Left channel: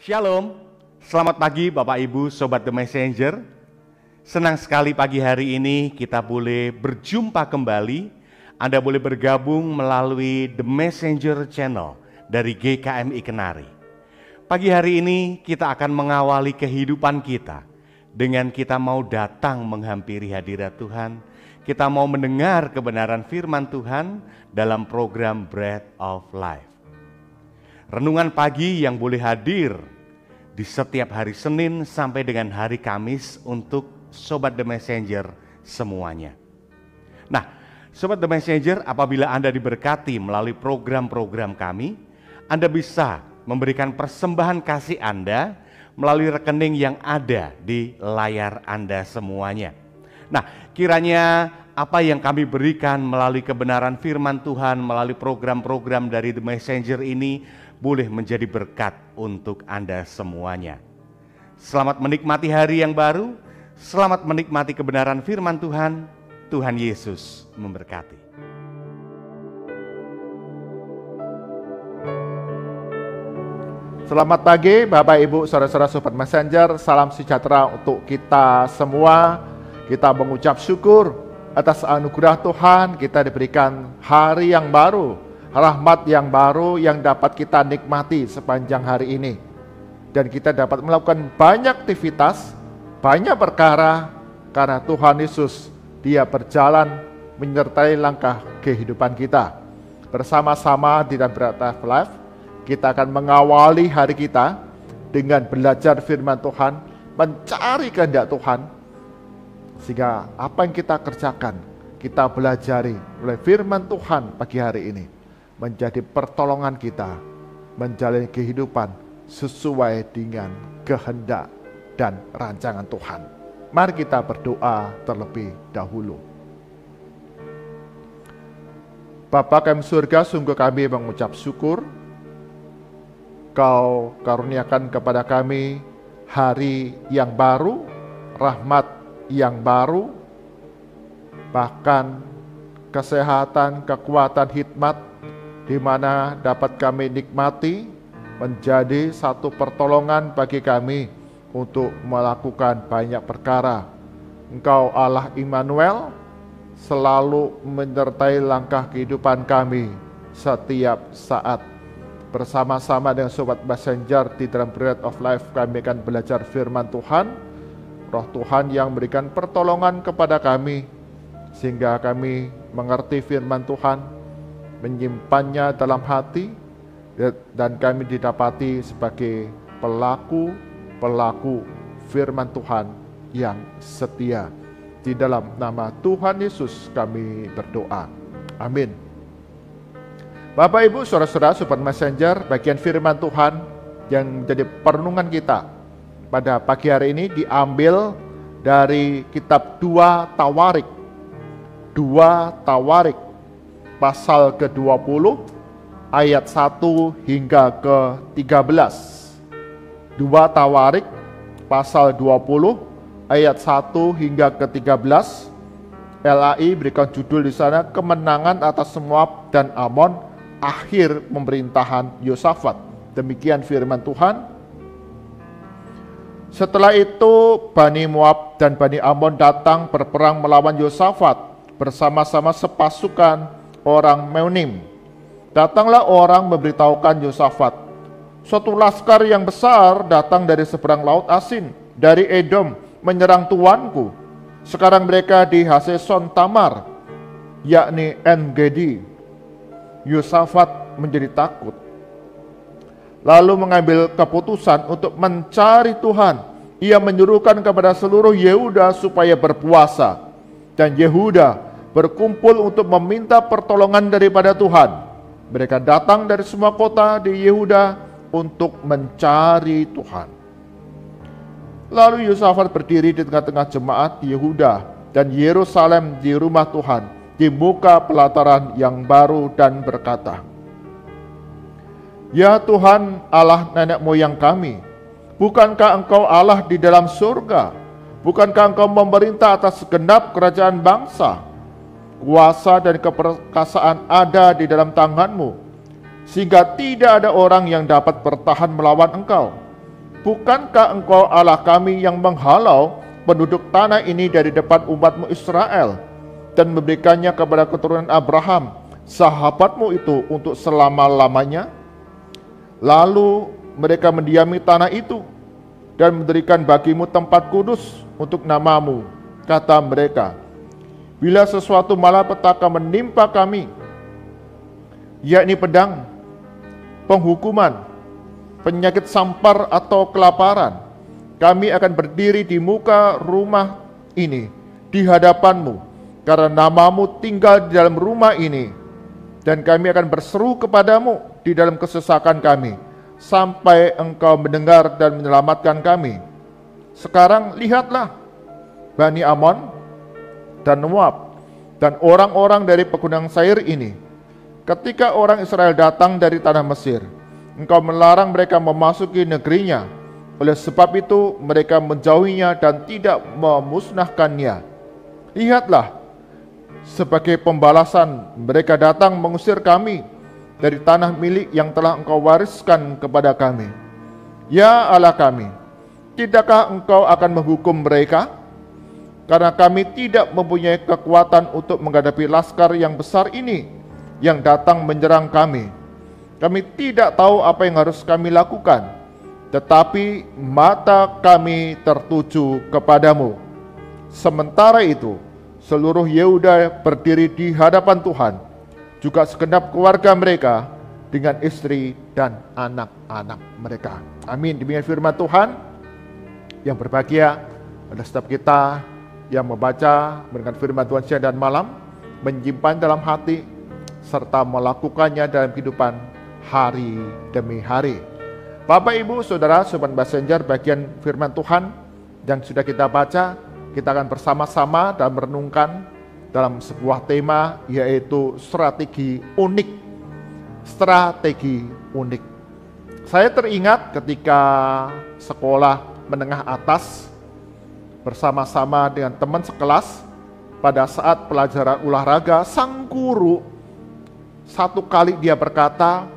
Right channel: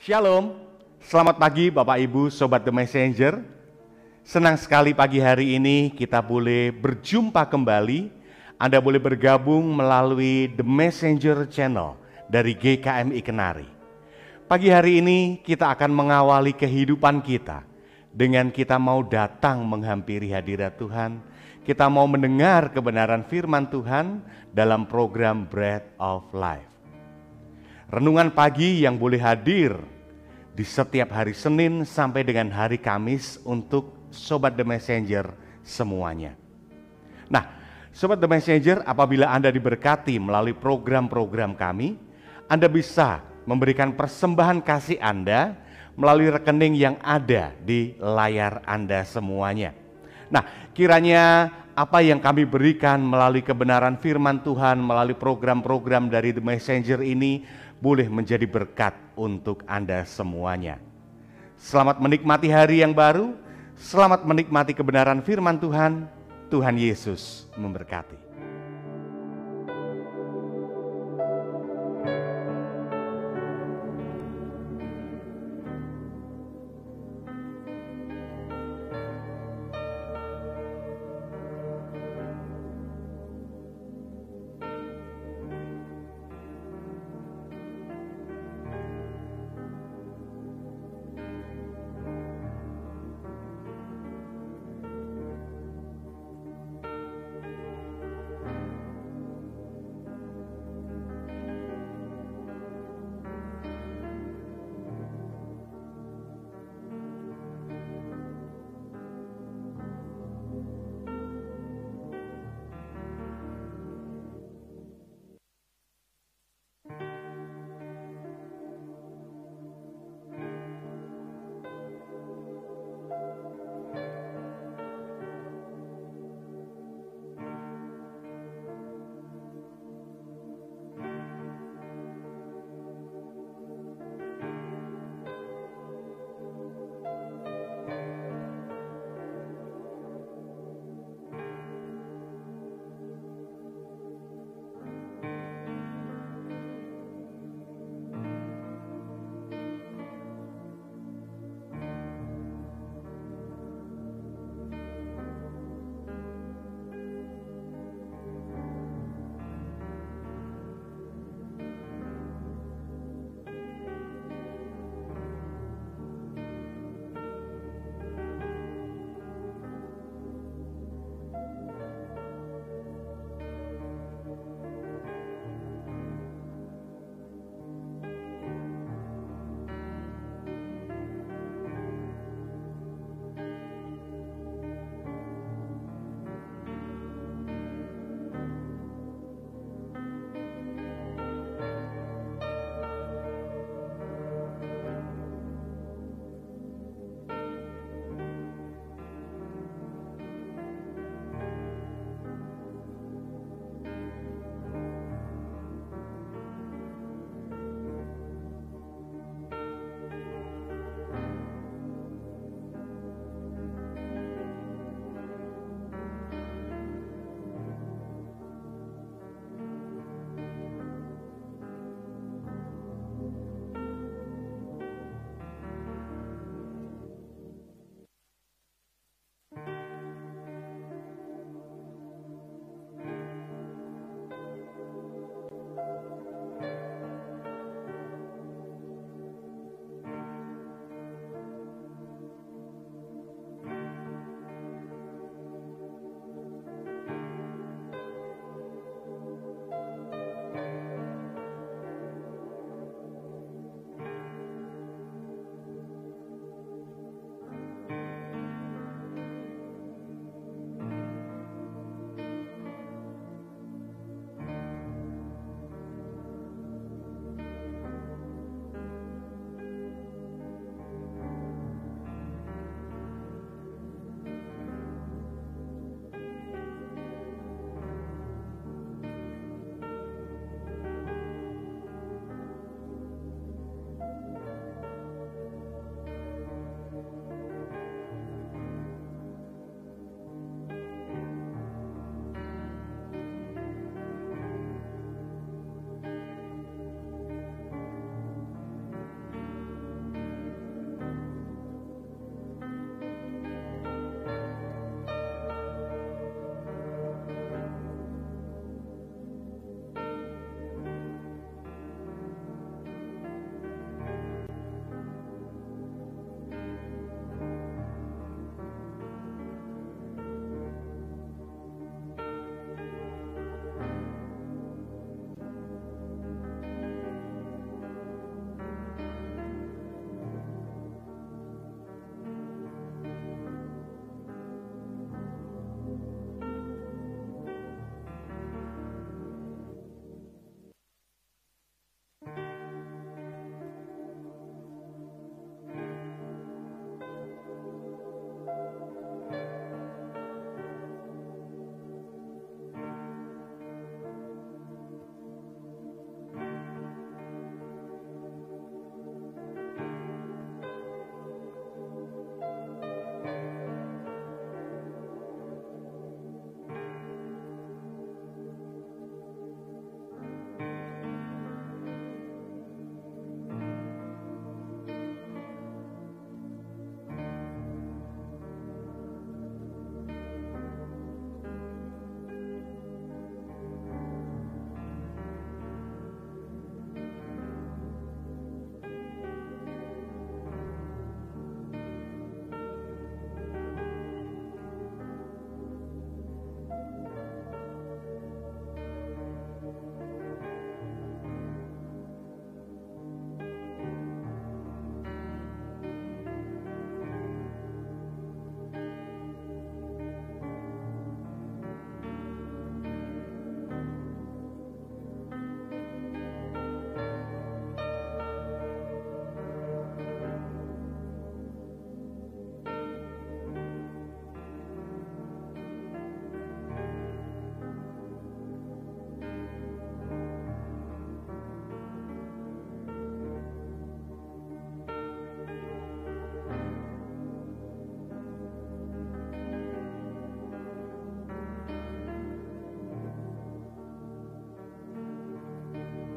Shalom, selamat pagi Bapak Ibu Sobat The Messenger. Senang sekali pagi hari ini kita boleh berjumpa kembali. Anda boleh bergabung melalui The Messenger Channel dari GKMI Kenari. Pagi hari ini kita akan mengawali kehidupan kita dengan kita mau datang menghampiri hadirat Tuhan. Kita mau mendengar kebenaran firman Tuhan dalam program Bread of Life. Renungan pagi yang boleh hadir di setiap hari Senin sampai dengan hari Kamis untuk Sobat The Messenger semuanya. Nah, Sobat The Messenger, apabila Anda diberkati melalui program-program kami, Anda bisa memberikan persembahan kasih Anda melalui rekening yang ada di layar Anda semuanya. Nah, kiranya apa yang kami berikan melalui kebenaran firman Tuhan, melalui program-program dari The Messenger ini boleh menjadi berkat untuk Anda semuanya. Selamat menikmati hari yang baru, selamat menikmati kebenaran firman Tuhan. Tuhan Yesus memberkati. Selamat pagi Bapak Ibu Saudara-saudara Sobat Messenger, salam sejahtera untuk kita semua. Kita mengucap syukur atas anugerah Tuhan, kita diberikan hari yang baru, rahmat yang baru yang dapat kita nikmati sepanjang hari ini. Dan kita dapat melakukan banyak aktivitas, banyak perkara karena Tuhan Yesus, Dia berjalan menyertai langkah kehidupan kita. Bersama-sama di dalam Bread of Life, kita akan mengawali hari kita dengan belajar firman Tuhan, mencari kehendak Tuhan. Sehingga apa yang kita kerjakan, kita belajari oleh firman Tuhan pagi hari ini menjadi pertolongan kita menjalani kehidupan sesuai dengan kehendak dan rancangan Tuhan. Mari kita berdoa terlebih dahulu. Bapa kami surga, sungguh kami mengucap syukur Kau karuniakan kepada kami hari yang baru, rahmat yang baru, bahkan kesehatan, kekuatan, hikmat di mana dapat kami nikmati menjadi satu pertolongan bagi kami untuk melakukan banyak perkara. Engkau Allah Immanuel selalu menyertai langkah kehidupan kami setiap saat. Bersama-sama dengan Sobat Messenger di dalam Bread of Life, kami akan belajar firman Tuhan. Roh Tuhan yang berikan pertolongan kepada kami sehingga kami mengerti firman Tuhan, menyimpannya dalam hati, dan kami didapati sebagai pelaku firman Tuhan yang setia. Di dalam nama Tuhan Yesus kami berdoa. Amin. Bapak Ibu Saudara-saudara Sobat Messenger, bagian firman Tuhan yang menjadi perenungan kita pada pagi hari ini diambil dari kitab 2 Tawarik. 2 Tawarik pasal ke-20 ayat 1 hingga ke-13. 2 Tawarik pasal 20 ayat 1 hingga ke-13. LAI berikan judul di sana, kemenangan atas Moab dan Amon, akhir pemerintahan Yosafat. Demikian firman Tuhan. Setelah itu Bani Moab dan Bani Amon datang berperang melawan Yosafat bersama-sama sepasukan orang Meunim. Datanglah orang memberitahukan Yosafat, suatu laskar yang besar datang dari seberang laut Asin, dari Edom, menyerang tuanku. Sekarang mereka di Haseson Tamar, yakni En-Gedi. Yosafat menjadi takut, lalu mengambil keputusan untuk mencari Tuhan. Ia menyuruhkan kepada seluruh Yehuda supaya berpuasa, dan Yehuda berkumpul untuk meminta pertolongan daripada Tuhan. Mereka datang dari semua kota di Yehuda untuk mencari Tuhan. Lalu Yosafat berdiri di tengah-tengah jemaat Yehuda dan Yerusalem di rumah Tuhan, di muka pelataran yang baru, dan berkata, Ya Tuhan Allah nenek moyang kami, bukankah Engkau Allah di dalam surga? Bukankah Engkau memerintah atas segenap kerajaan bangsa? Kuasa dan keperkasaan ada di dalam tangan-Mu, sehingga tidak ada orang yang dapat bertahan melawan Engkau. bukankah engkau Allah kami yang menghalau penduduk tanah ini dari depan umatmu Israel dan memberikannya kepada keturunan Abraham, sahabatmu itu untuk selama-lamanya? Lalu mereka mendiami tanah itu dan mendirikan bagimu tempat kudus untuk namamu. Kata mereka, bila sesuatu malapetaka menimpa kami, yakni pedang, penghukuman, penyakit sampar atau kelaparan, kami akan berdiri di muka rumah ini di hadapanmu, karena namamu tinggal di dalam rumah ini, dan kami akan berseru kepadamu di dalam kesesakan kami, sampai engkau mendengar dan menyelamatkan kami. Sekarang lihatlah, Bani Amon dan Moab dan orang-orang dari pegunungan Seir ini, ketika orang Israel datang dari tanah Mesir, engkau melarang mereka memasuki negerinya. Oleh sebab itu mereka menjauhinya dan tidak memusnahkannya. Lihatlah, sebagai pembalasan mereka datang mengusir kami dari tanah milik yang telah engkau wariskan kepada kami. Ya Allah kami, tidakkah engkau akan menghukum mereka? Karena kami tidak mempunyai kekuatan untuk menghadapi laskar yang besar ini yang datang menyerang kami. Kami tidak tahu apa yang harus kami lakukan, tetapi mata kami tertuju kepadamu. Sementara itu, seluruh Yehuda berdiri di hadapan Tuhan, juga segenap keluarga mereka dengan istri dan anak-anak mereka. Amin. Demikian firman Tuhan. Yang berbahagia adalah setiap kita yang membaca, mendengar firman Tuhan siang dan malam, menyimpan dalam hati, serta melakukannya dalam kehidupan hari demi hari. Bapak, Ibu, Saudara, Sobat Messenger, bagian firman Tuhan yang sudah kita baca, kita akan bersama-sama dan merenungkan dalam sebuah tema, yaitu strategi unik. Strategi unik. Saya teringat ketika sekolah menengah atas bersama-sama dengan teman sekelas, pada saat pelajaran olahraga, sang guru satu kali dia berkata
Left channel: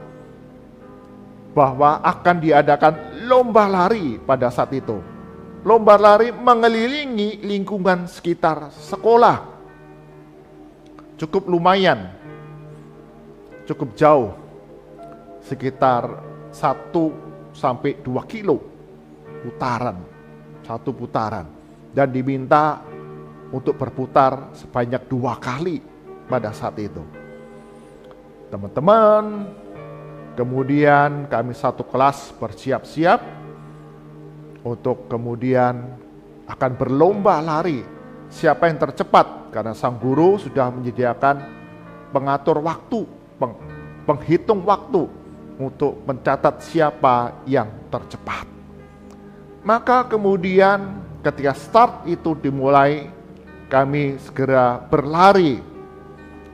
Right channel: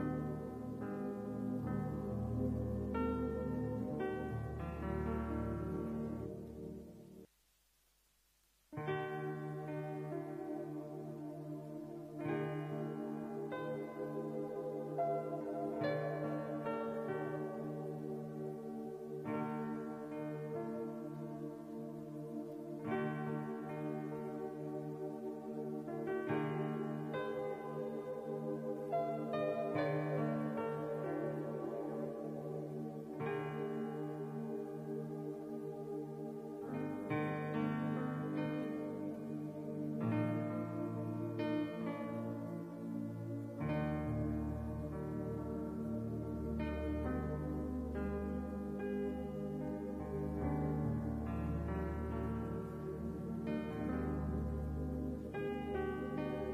bahwa akan diadakan lomba lari pada saat itu. Lomba lari mengelilingi lingkungan sekitar sekolah. Cukup lumayan, cukup jauh, sekitar 1-2 kilo putaran, satu putaran, dan diminta untuk berputar sebanyak 2 kali pada saat itu. Teman-teman, kemudian kami satu kelas bersiap-siap untuk kemudian akan berlomba lari siapa yang tercepat, karena sang guru sudah menyediakan pengatur waktu, penghitung waktu untuk mencatat siapa yang tercepat. Maka kemudian ketika start itu dimulai, kami segera berlari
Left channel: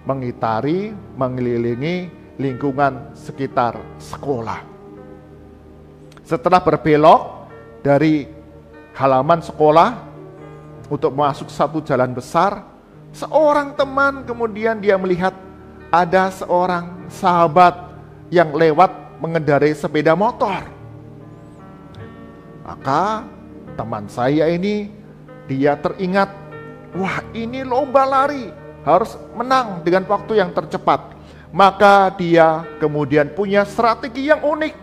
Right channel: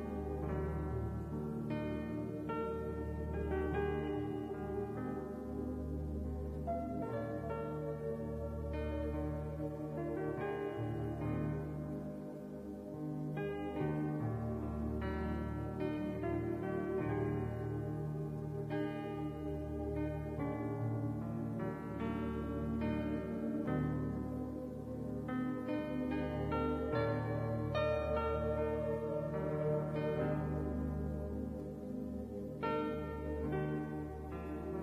mengitari, mengelilingi lingkungan sekitar sekolah. Setelah berbelok dari halaman sekolah untuk masuk satu jalan besar, seorang teman kemudian dia melihat ada seorang sahabat yang lewat mengendarai sepeda motor. Maka teman saya ini, dia teringat, wah ini lomba lari, harus menang dengan waktu yang tercepat. Maka dia kemudian punya strategi yang unik,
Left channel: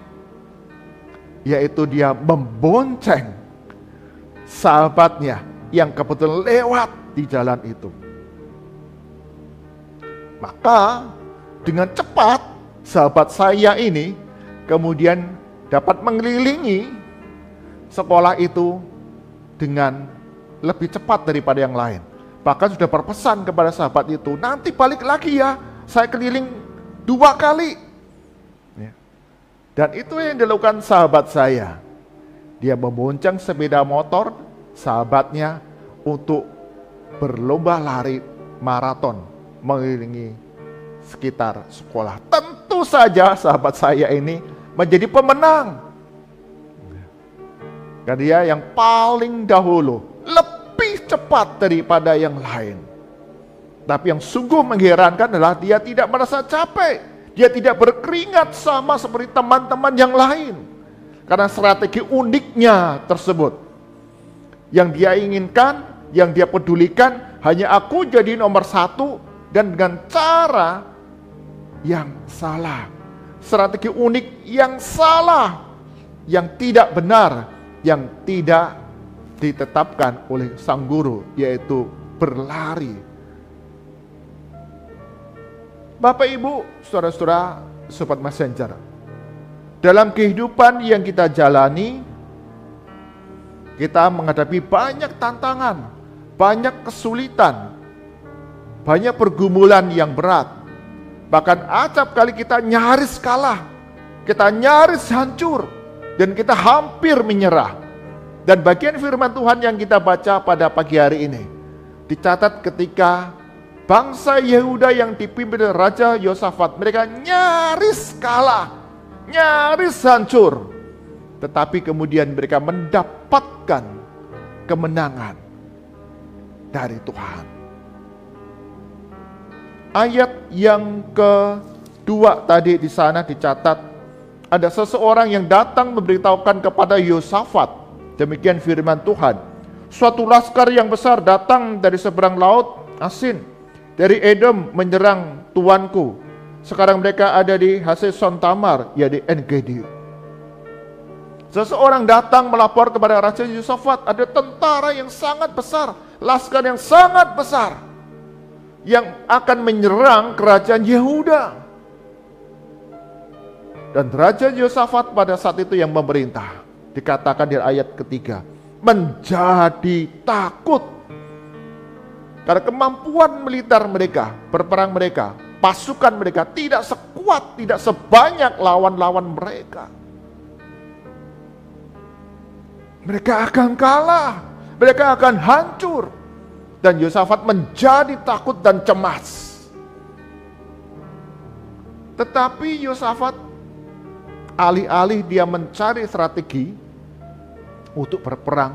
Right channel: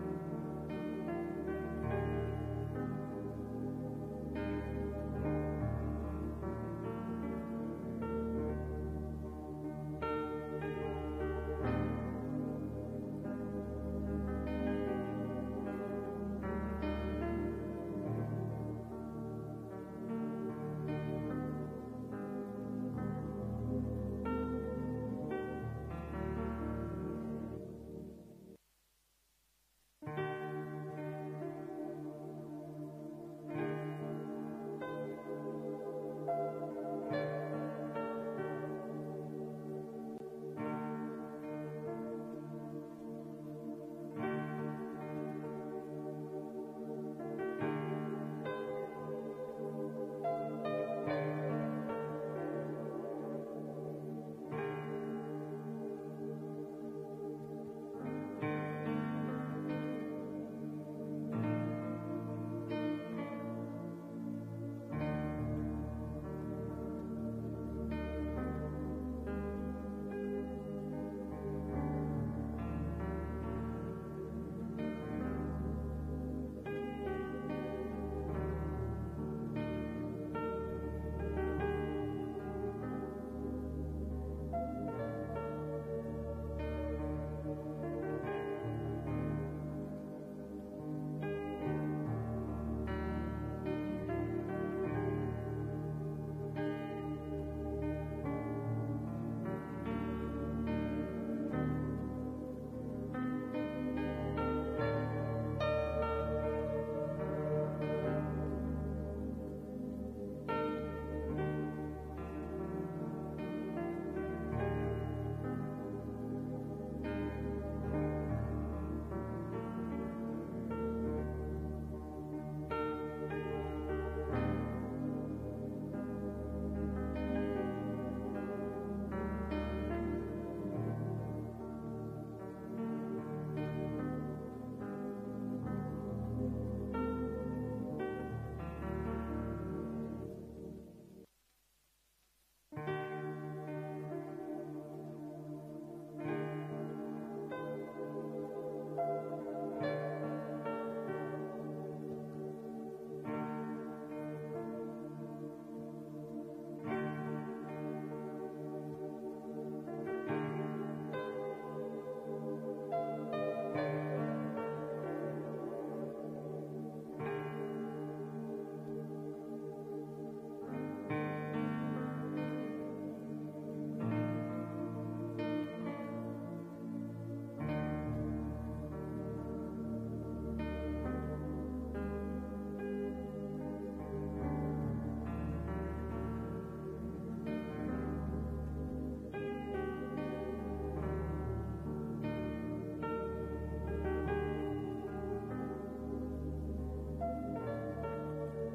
yaitu dia membonceng sahabatnya yang kebetulan lewat di jalan itu. Maka dengan cepat sahabat saya ini kemudian dapat mengelilingi sekolah itu dengan lebih cepat daripada yang lain. Bahkan sudah berpesan kepada sahabat itu, nanti balik lagi ya, saya keliling 2 kali. Dan itu yang dilakukan sahabat saya. Dia membonceng sepeda motor sahabatnya untuk berlomba lari maraton mengelilingi sekitar sekolah. Tentu saja sahabat saya ini menjadi pemenang. Dan dia yang paling dahulu, lebih cepat daripada yang lain. Tapi yang sungguh mengherankan adalah dia tidak merasa capek. Dia tidak berkeringat sama seperti teman-teman yang lain. Karena strategi uniknya tersebut. Yang dia inginkan, yang dia pedulikan, hanya aku jadi nomor satu dan dengan cara yang salah. Strategi unik yang salah, yang tidak benar, yang tidak ditetapkan oleh sang guru, yaitu berlari. Bapak, Ibu, saudara-saudara, sobat messenger, dalam kehidupan yang kita jalani, kita menghadapi banyak tantangan, banyak kesulitan, banyak pergumulan yang berat. Bahkan acap kali kita nyaris kalah, kita nyaris hancur, dan kita hampir menyerah. Dan bagian firman Tuhan yang kita baca pada pagi hari ini, dicatat ketika bangsa Yehuda yang dipimpin Raja Yosafat, mereka nyaris kalah, nyaris hancur. Tetapi kemudian mereka mendapatkan kemenangan dari Tuhan. Ayat yang kedua tadi di sana dicatat, ada seseorang yang datang memberitahukan kepada Yosafat, demikian firman Tuhan, suatu laskar yang besar datang dari seberang laut Asin, dari Edom menyerang tuanku. Sekarang mereka ada di Haseson Tamar, ya di En-Gedi. Seseorang datang melapor kepada Raja Yosafat, ada tentara yang sangat besar, laskar yang sangat besar, yang akan menyerang kerajaan Yehuda. Dan Raja Yosafat pada saat itu yang memerintah, dikatakan di ayat ketiga, menjadi takut. Karena kemampuan militer mereka, berperang mereka, pasukan mereka tidak sekuat, tidak sebanyak lawan-lawan mereka. Mereka akan kalah, mereka akan hancur. Dan Yosafat menjadi takut dan cemas. Tetapi Yosafat alih-alih dia mencari strategi untuk berperang,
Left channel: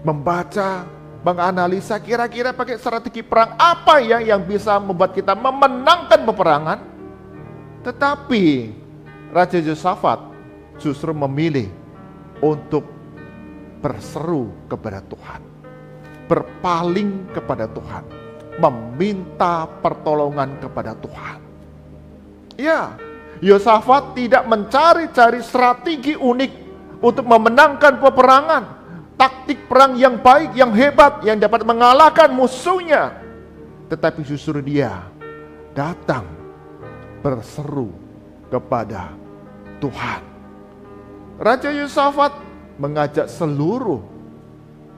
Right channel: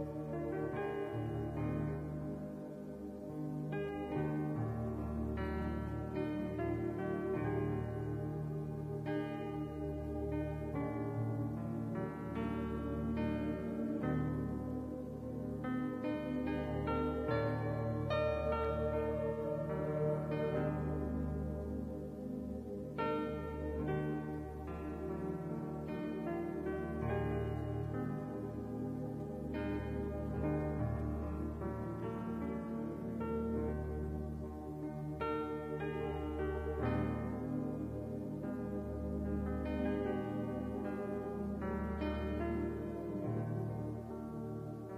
membaca, menganalisa kira-kira pakai strategi perang apa ya yang bisa membuat kita memenangkan peperangan. Tetapi Raja Yosafat justru memilih untuk berseru kepada Tuhan, berpaling kepada Tuhan, meminta pertolongan kepada Tuhan. Ya, Yosafat tidak mencari-cari strategi unik untuk memenangkan peperangan, taktik perang yang baik, yang hebat, yang dapat mengalahkan musuhnya. Tetapi justru dia datang berseru kepada Tuhan. Raja Yosafat mengajak seluruh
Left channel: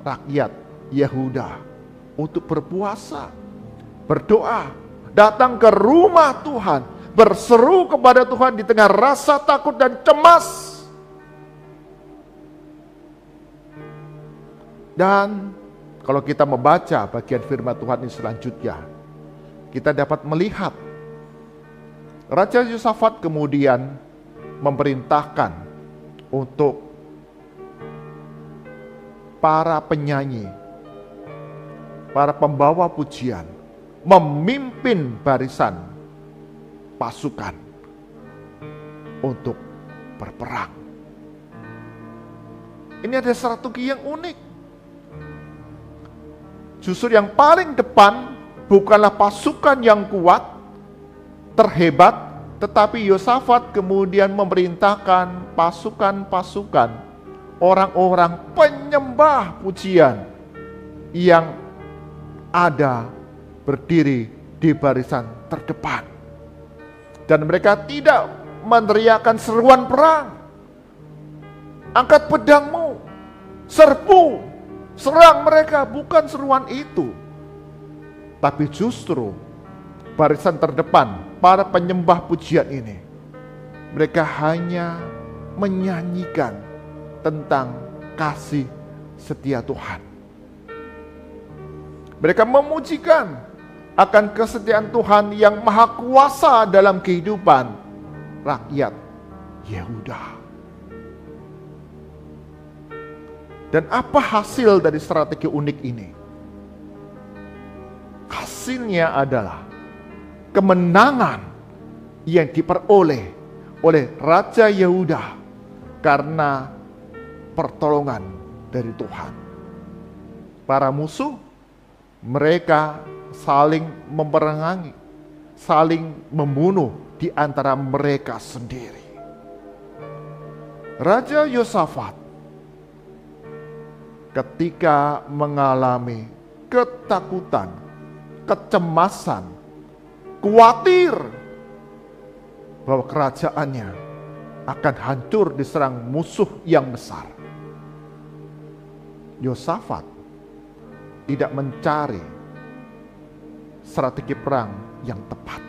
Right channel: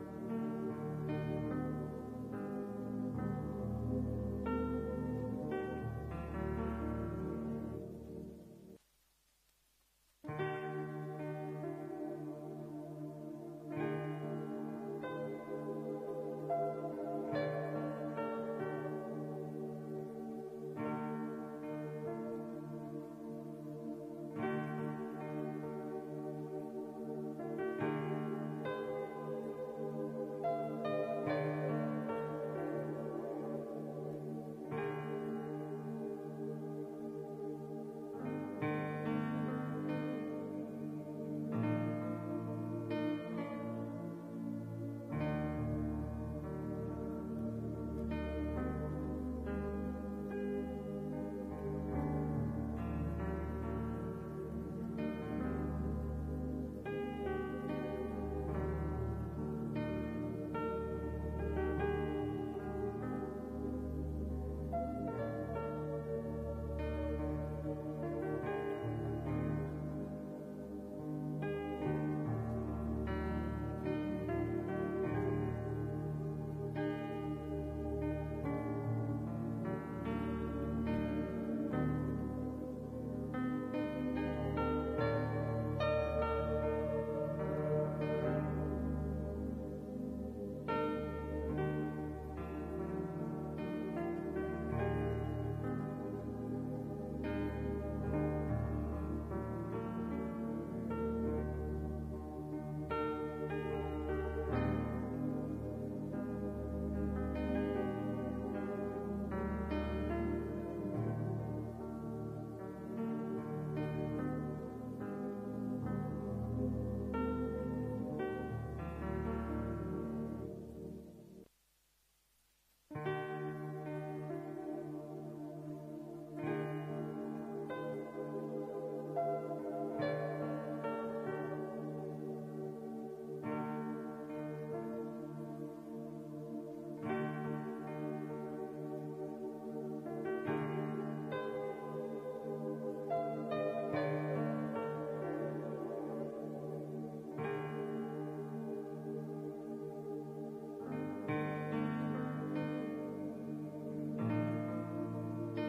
rakyat Yehuda untuk berpuasa, berdoa, datang ke rumah Tuhan, berseru kepada Tuhan di tengah rasa takut dan cemas. Dan kalau kita membaca bagian firman Tuhan ini selanjutnya, kita dapat melihat Raja Yosafat kemudian memerintahkan untuk para penyanyi, para pembawa pujian, memimpin barisan pasukan untuk berperang. Ini ada strategi yang unik. Justru yang paling depan bukanlah pasukan yang kuat, terhebat, tetapi Yosafat kemudian memerintahkan pasukan-pasukan, orang-orang penyembah pujian yang ada berdiri di barisan terdepan. Dan mereka tidak meneriakkan seruan perang. Angkat pedangmu, serbu, serang mereka, bukan seruan itu. Tapi justru barisan terdepan, para penyembah pujian ini, mereka hanya menyanyikan tentang kasih setia Tuhan. Mereka memujikan akan kesetiaan Tuhan yang maha kuasa dalam kehidupan rakyat Yehuda. Dan apa hasil dari strategi unik ini? Hasilnya adalah kemenangan yang diperoleh oleh Raja Yehuda karena pertolongan dari Tuhan. Para musuh, mereka saling memerangi, saling membunuh di antara mereka sendiri. Raja Yosafat ketika mengalami ketakutan, kecemasan, khawatir bahwa kerajaannya akan hancur diserang musuh yang besar, Yosafat tidak mencari strategi perang yang tepat.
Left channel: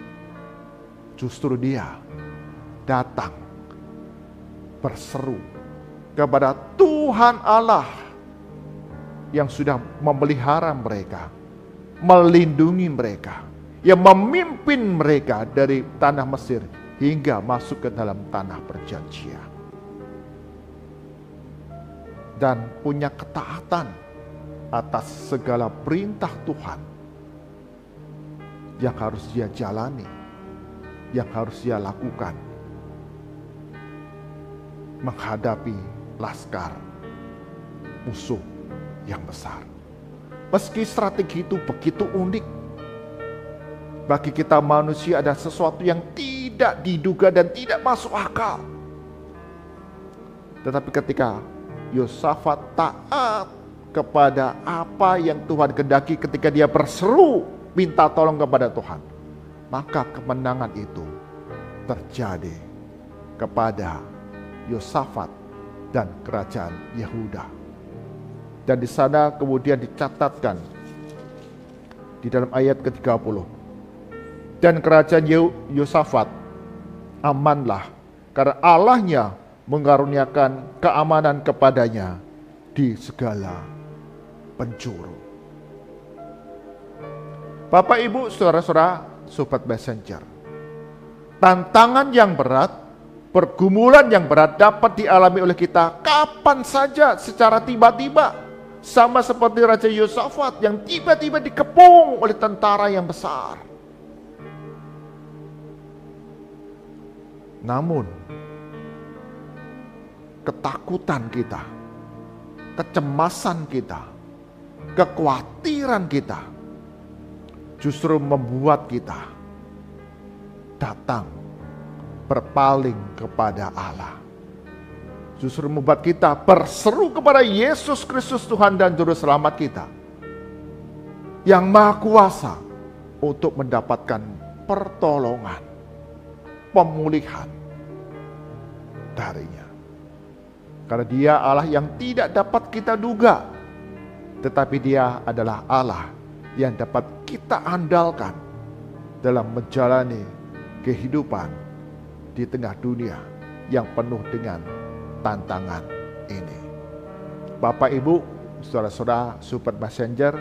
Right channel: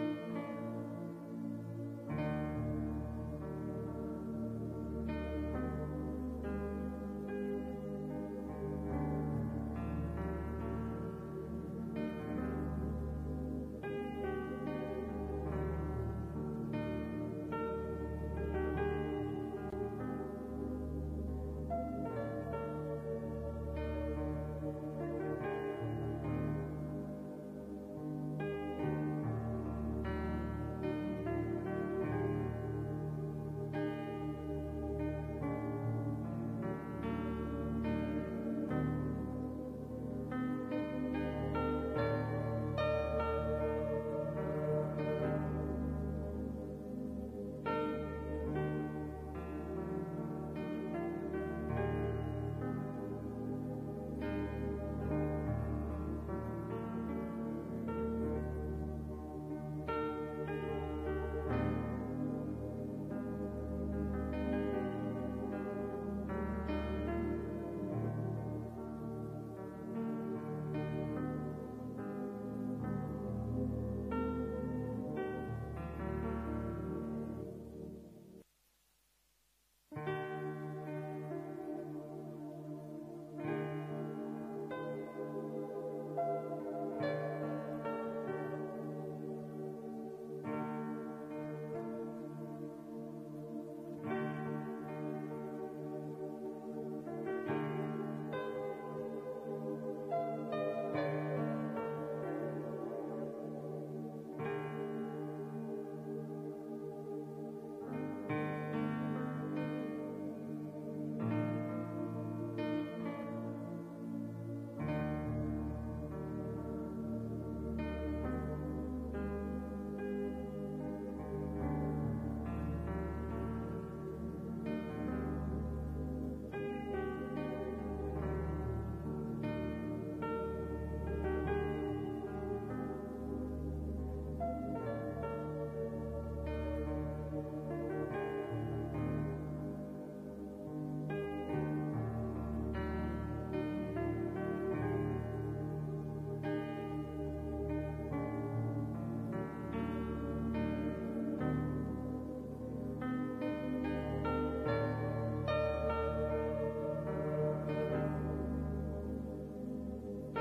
Justru dia datang berseru kepada Tuhan Allah yang sudah memelihara mereka, melindungi mereka, yang memimpin mereka dari tanah Mesir hingga masuk ke dalam tanah perjanjian. Dan punya ketaatan atas segala perintah Tuhan yang harus dia jalani, yang harus dia lakukan menghadapi laskar musuh yang besar. Meski strategi itu begitu unik, bagi kita manusia ada sesuatu yang tidak diduga dan tidak masuk akal. Tetapi ketika Yosafat taat kepada apa yang Tuhan kehendaki, ketika dia berseru minta tolong kepada Tuhan, maka kemenangan itu terjadi kepada Yosafat dan kerajaan Yehuda. Dan di sana kemudian dicatatkan di dalam ayat ke-30. Dan kerajaan Yosafat amanlah karena Allahnya mengaruniakan keamanan kepadanya di segala penjuru. Bapak, Ibu, saudara-saudara, sobat messenger, tantangan yang berat, pergumulan yang berat dapat dialami oleh kita kapan saja secara tiba-tiba. Sama seperti Raja Yosafat yang tiba-tiba dikepung oleh tentara yang besar. Namun, ketakutan kita, kecemasan kita, kekhawatiran kita justru membuat kita datang berpaling kepada Allah. Justru membuat kita berseru kepada Yesus Kristus Tuhan dan Juru Selamat kita, yang Maha Kuasa untuk mendapatkan pertolongan, pemulihan darinya. Karena dia Allah yang tidak dapat kita duga, tetapi dia adalah Allah yang dapat kita andalkan dalam menjalani kehidupan di tengah dunia yang penuh dengan tantangan ini. Bapak, Ibu, saudara-saudara, sobat messenger,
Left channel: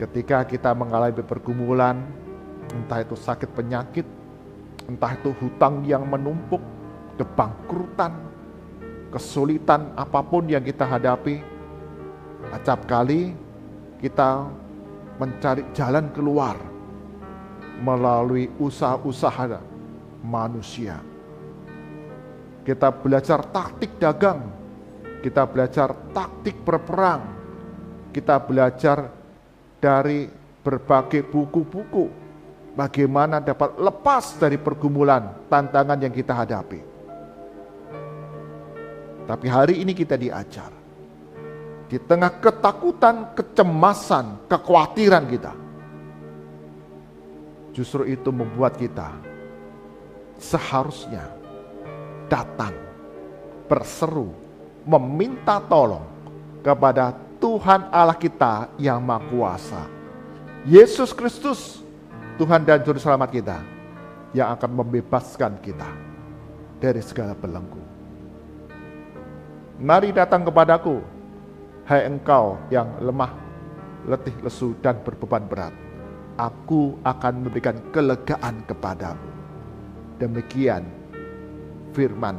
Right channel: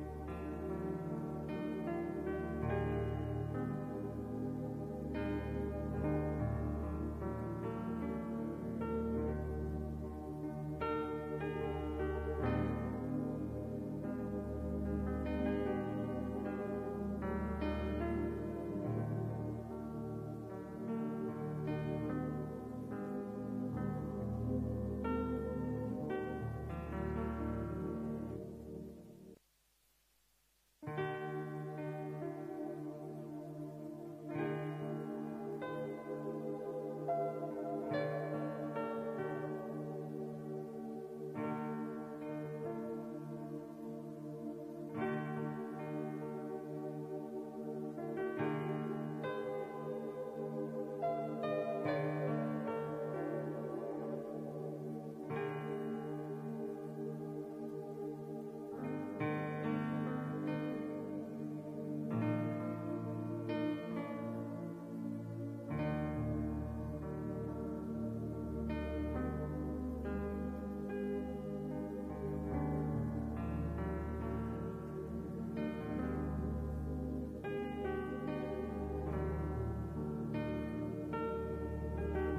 ketika kita mengalami pergumulan, entah itu sakit penyakit, entah itu hutang yang menumpuk, kebangkrutan, kesulitan apapun yang kita hadapi, acap kali kita mencari jalan keluar melalui usaha-usaha manusia. Kita belajar taktik dagang, kita belajar taktik berperang, kita belajar dari berbagai buku-buku bagaimana dapat lepas dari pergumulan, tantangan yang kita hadapi. Tapi hari ini kita diajar, di tengah ketakutan, kecemasan, kekhawatiran kita, justru itu membuat kita seharusnya datang, berseru, meminta tolong kepada Tuhan Allah kita yang Maha Kuasa, Yesus Kristus, Tuhan dan Juru Selamat kita, yang akan membebaskan kita dari segala belenggu. Mari datang kepadaku, hai engkau yang lemah, letih, lesu, dan berbeban berat. Aku akan memberikan kelegaan kepadamu. Demikian firman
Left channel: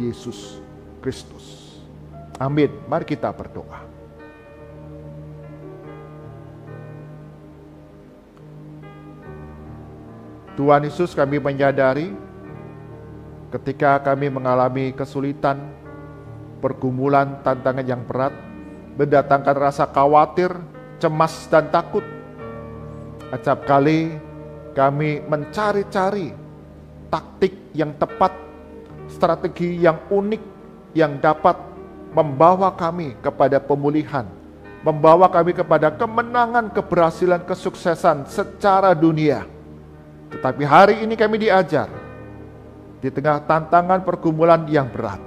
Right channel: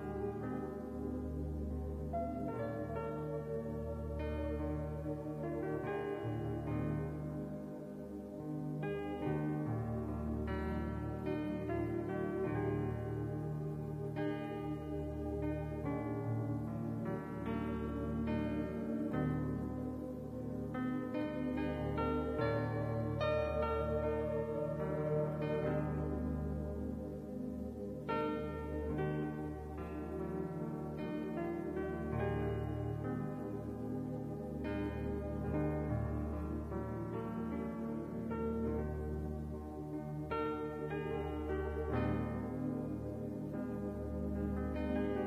Yesus Kristus. Amin. Mari kita berdoa. Tuhan Yesus, kami menyadari ketika kami mengalami kesulitan, pergumulan, tantangan yang berat, mendatangkan rasa khawatir, cemas, dan takut. Acap kali kami mencari-cari taktik yang tepat, strategi yang unik yang dapat membawa kami kepada pemulihan, membawa kami kepada kemenangan, keberhasilan, kesuksesan secara dunia. Tetapi hari ini kami diajar di tengah tantangan pergumulan yang berat.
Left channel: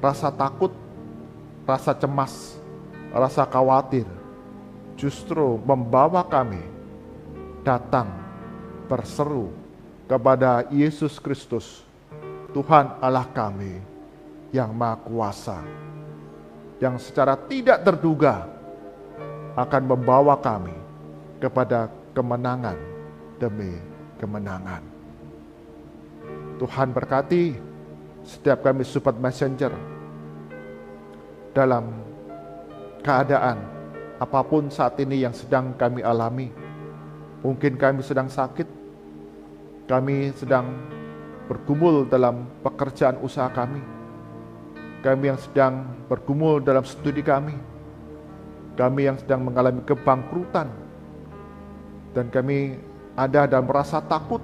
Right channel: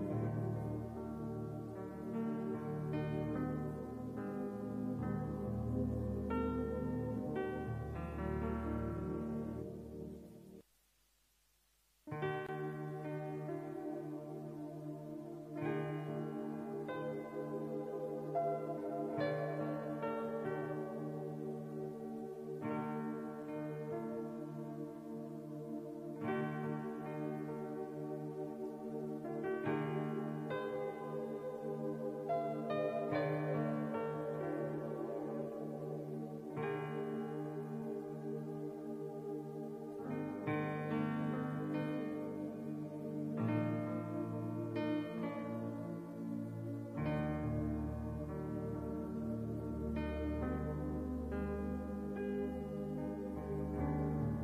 Rasa takut, rasa cemas, rasa khawatir justru membawa kami datang berseru kepada Yesus Kristus, Tuhan Allah kami yang Maha Kuasa, yang secara tidak terduga akan membawa kami kepada kemenangan demi kemenangan. Tuhan berkati setiap kami Sobat Messenger dalam keadaan apapun saat ini yang sedang kami alami. Mungkin kami sedang sakit, kami sedang bergumul dalam pekerjaan usaha kami yang sedang bergumul dalam studi kami yang sedang mengalami kebangkrutan, dan kami ada dan merasa takut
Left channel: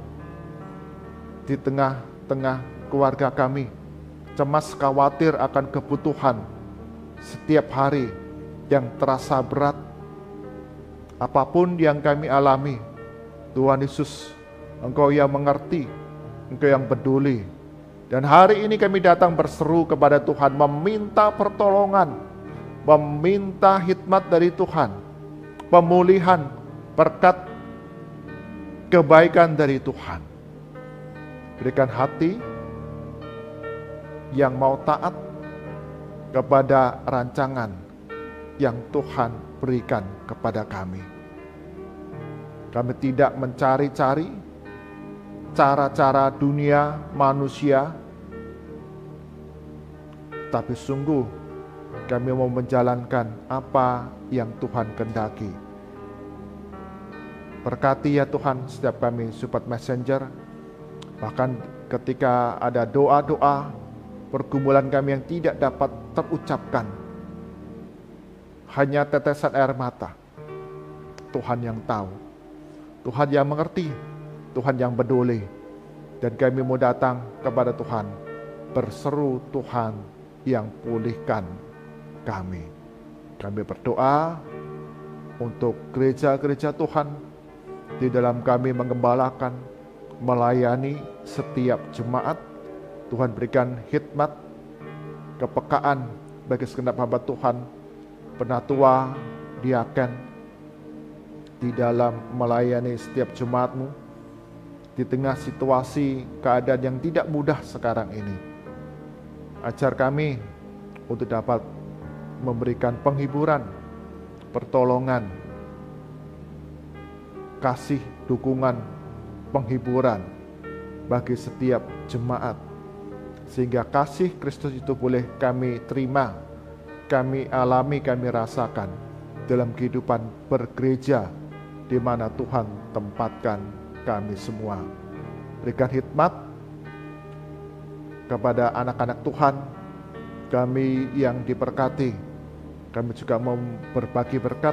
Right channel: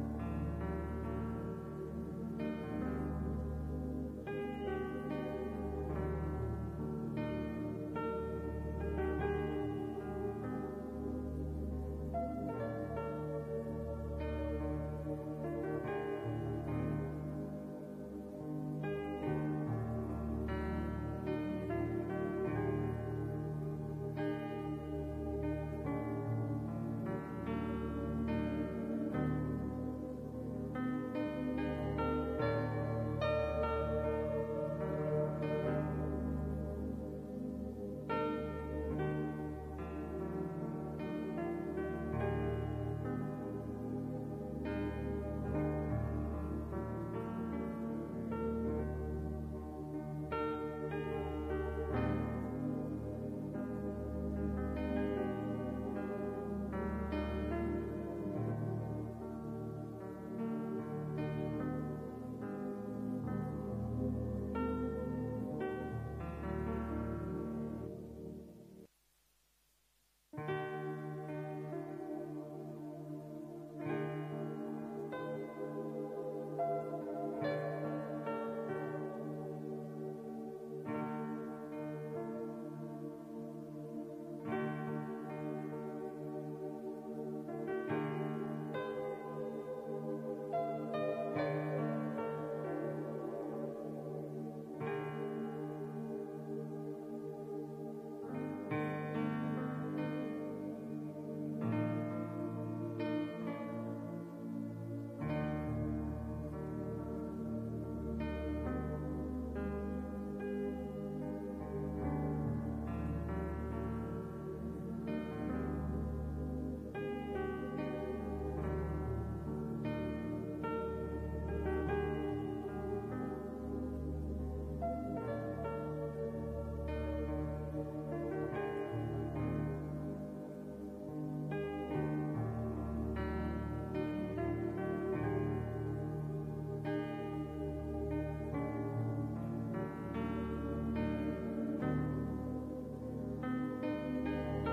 di tengah-tengah keluarga kami, cemas khawatir akan kebutuhan setiap hari yang terasa berat. Apapun yang kami alami, Tuhan Yesus, Engkau yang mengerti, Engkau yang peduli. Dan hari ini kami datang berseru kepada Tuhan, meminta pertolongan, meminta hikmat dari Tuhan, pemulihan, berkat, kebaikan dari Tuhan. Berikan hati yang mau taat kepada rancangan yang Tuhan berikan kepada kami. Kami tidak mencari-cari cara-cara dunia manusia, tapi sungguh kami mau menjalankan apa yang Tuhan kehendaki. Berkati ya Tuhan setiap kami Sobat Messenger, bahkan ketika ada doa-doa, pergumulan kami yang tidak dapat terucapkan, hanya tetesan air mata, Tuhan yang tahu, Tuhan yang mengerti, Tuhan yang peduli. Dan kami mau datang kepada Tuhan, berseru Tuhan yang pulihkan kami. Kami berdoa untuk gereja-gereja Tuhan, di dalam kami mengembalakan, melayani setiap jemaat. Tuhan berikan hikmat, kepekaan bagi segenap hamba Tuhan, penatua, diaken, di dalam melayani setiap jemaat-Mu, di tengah situasi keadaan yang tidak mudah sekarang ini. Ajar kami untuk dapat memberikan penghiburan, pertolongan, kasih, dukungan, penghiburan bagi setiap jemaat, sehingga kasih Kristus itu boleh kami terima, kami alami, kami rasakan dalam kehidupan bergereja di mana Tuhan tempatkan kami semua. Berikan hikmat kepada anak-anak Tuhan, kami yang diberkati. Kami juga mau berbagi berkat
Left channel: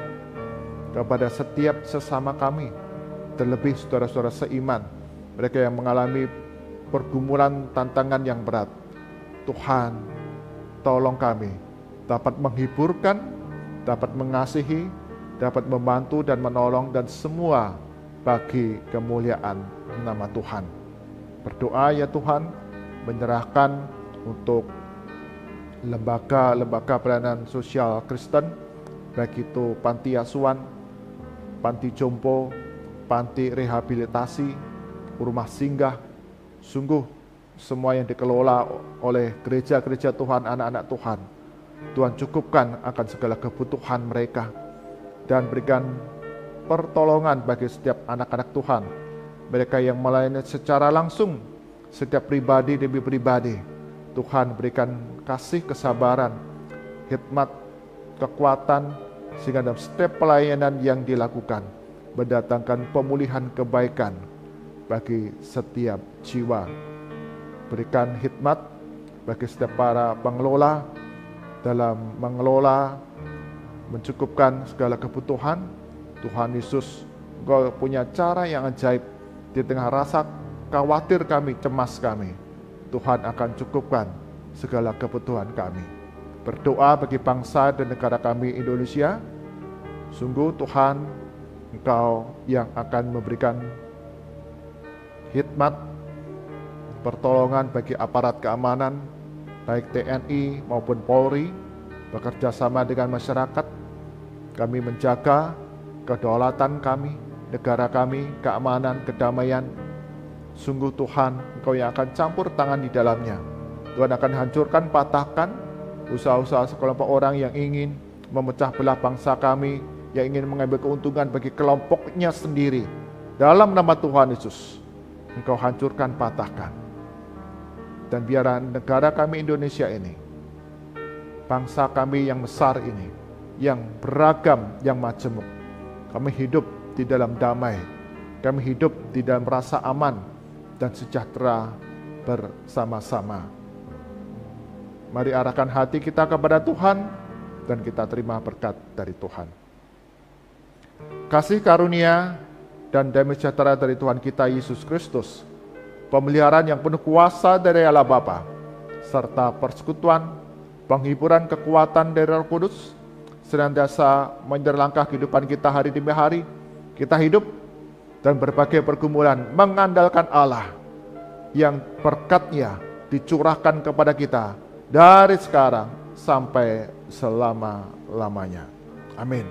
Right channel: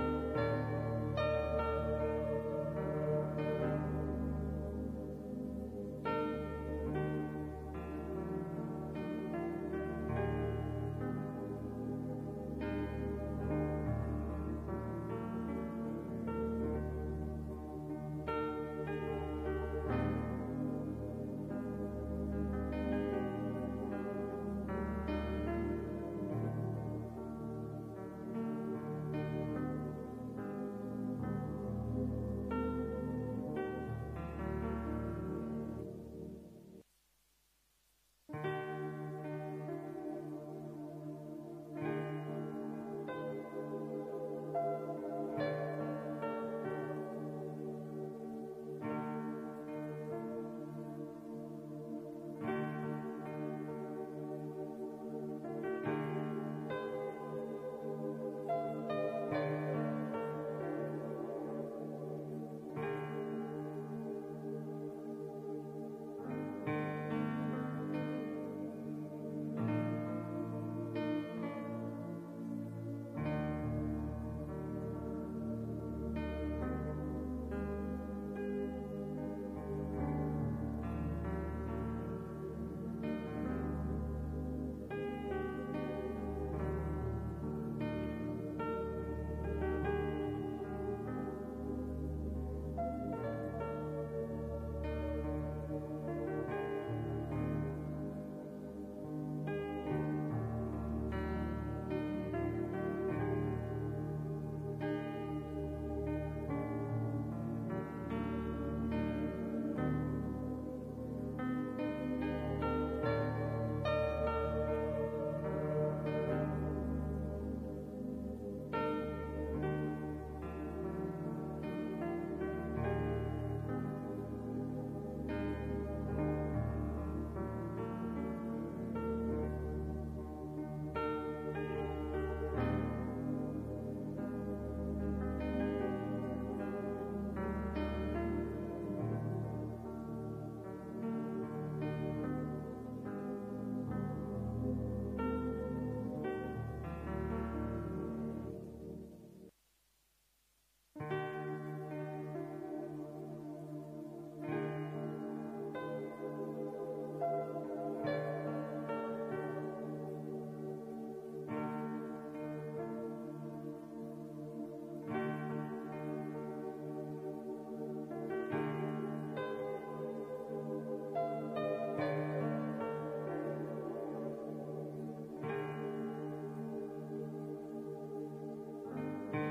kepada setiap sesama kami, terlebih saudara-saudara seiman, mereka yang mengalami pergumulan tantangan yang berat. Tuhan, tolong kami dapat menghiburkan, dapat mengasihi, dapat membantu dan menolong, dan semua bagi kemuliaan nama Tuhan. Berdoa ya Tuhan, menyerahkan untuk lembaga-lembaga pelayanan sosial Kristen, baik itu panti asuhan, panti jompo, panti rehabilitasi, rumah singgah. Sungguh semua yang dikelola oleh gereja-gereja Tuhan, anak-anak Tuhan, Tuhan cukupkan akan segala kebutuhan mereka, dan berikan pertolongan bagi setiap anak-anak Tuhan, mereka yang melayani secara langsung, setiap pribadi demi pribadi. Tuhan berikan kasih, kesabaran, hikmat, kekuatan, sehingga dalam setiap pelayanan yang dilakukan mendatangkan pemulihan kebaikan bagi setiap jiwa. Berikan hikmat bagi setiap para pengelola dalam mengelola, mencukupkan segala kebutuhan. Tuhan Yesus, Engkau punya cara yang ajaib. Di tengah rasa khawatir kami, cemas kami, Tuhan akan cukupkan segala kebutuhan kami. Berdoa bagi bangsa dan negara kami Indonesia. Sungguh Tuhan, Engkau yang akan memberikan hikmat, pertolongan bagi aparat keamanan, baik TNI maupun Polri, bekerja sama dengan masyarakat. Kami menjaga kedaulatan kami, negara kami, keamanan, kedamaian. Sungguh Tuhan, Engkau yang akan campur tangan di dalamnya. Tuhan akan hancurkan, patahkan usaha-usaha sekelompok orang yang ingin memecah belah bangsa kami, yang ingin mengambil keuntungan bagi kelompoknya sendiri. Dalam nama Tuhan Yesus, Engkau hancurkan, patahkan. Dan biarlah negara kami Indonesia ini, bangsa kami yang besar ini, yang beragam, yang majemuk, kami hidup di dalam damai, kami hidup di dalam rasa aman dan sejahtera bersama-sama. Mari arahkan hati kita kepada Tuhan dan kita terima berkat dari Tuhan. Kasih karunia dan damai sejahtera dari Tuhan kita Yesus Kristus, pemeliharaan yang penuh kuasa dari Allah Bapa, serta persekutuan, penghiburan kekuatan dari Roh Kudus, senantiasa menyerlangkah kehidupan kita hari demi hari. Kita hidup dan berbagai pergumulan mengandalkan Allah yang berkat-Nya dicurahkan kepada kita dari sekarang sampai selama-lamanya. Amin.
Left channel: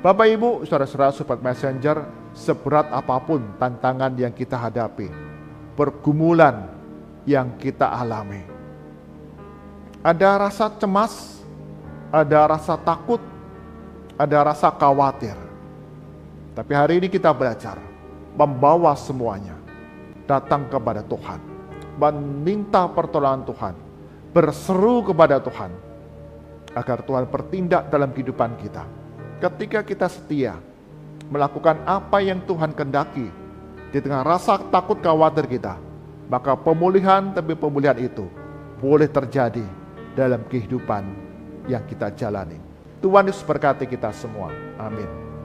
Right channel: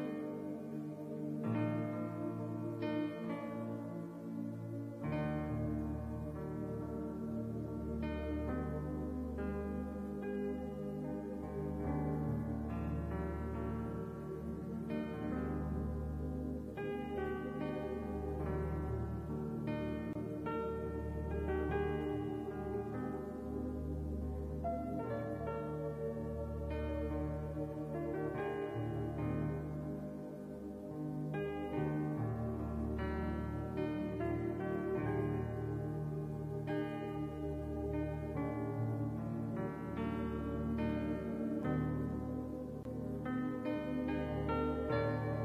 Bapak Ibu, saudara-saudara Sobat Messenger, seberat apapun tantangan yang kita hadapi, pergumulan yang kita alami, ada rasa cemas, ada rasa takut, ada rasa khawatir. Tapi hari ini kita belajar membawa semuanya datang kepada Tuhan, meminta pertolongan Tuhan, berseru kepada Tuhan agar Tuhan bertindak dalam kehidupan kita. Ketika kita setia melakukan apa yang Tuhan kehendaki di tengah rasa takut khawatir kita, maka pemulihan demi pemulihan itu boleh terjadi dalam kehidupan yang kita jalani. Tuhan Yesus berkati kita semua. Amin.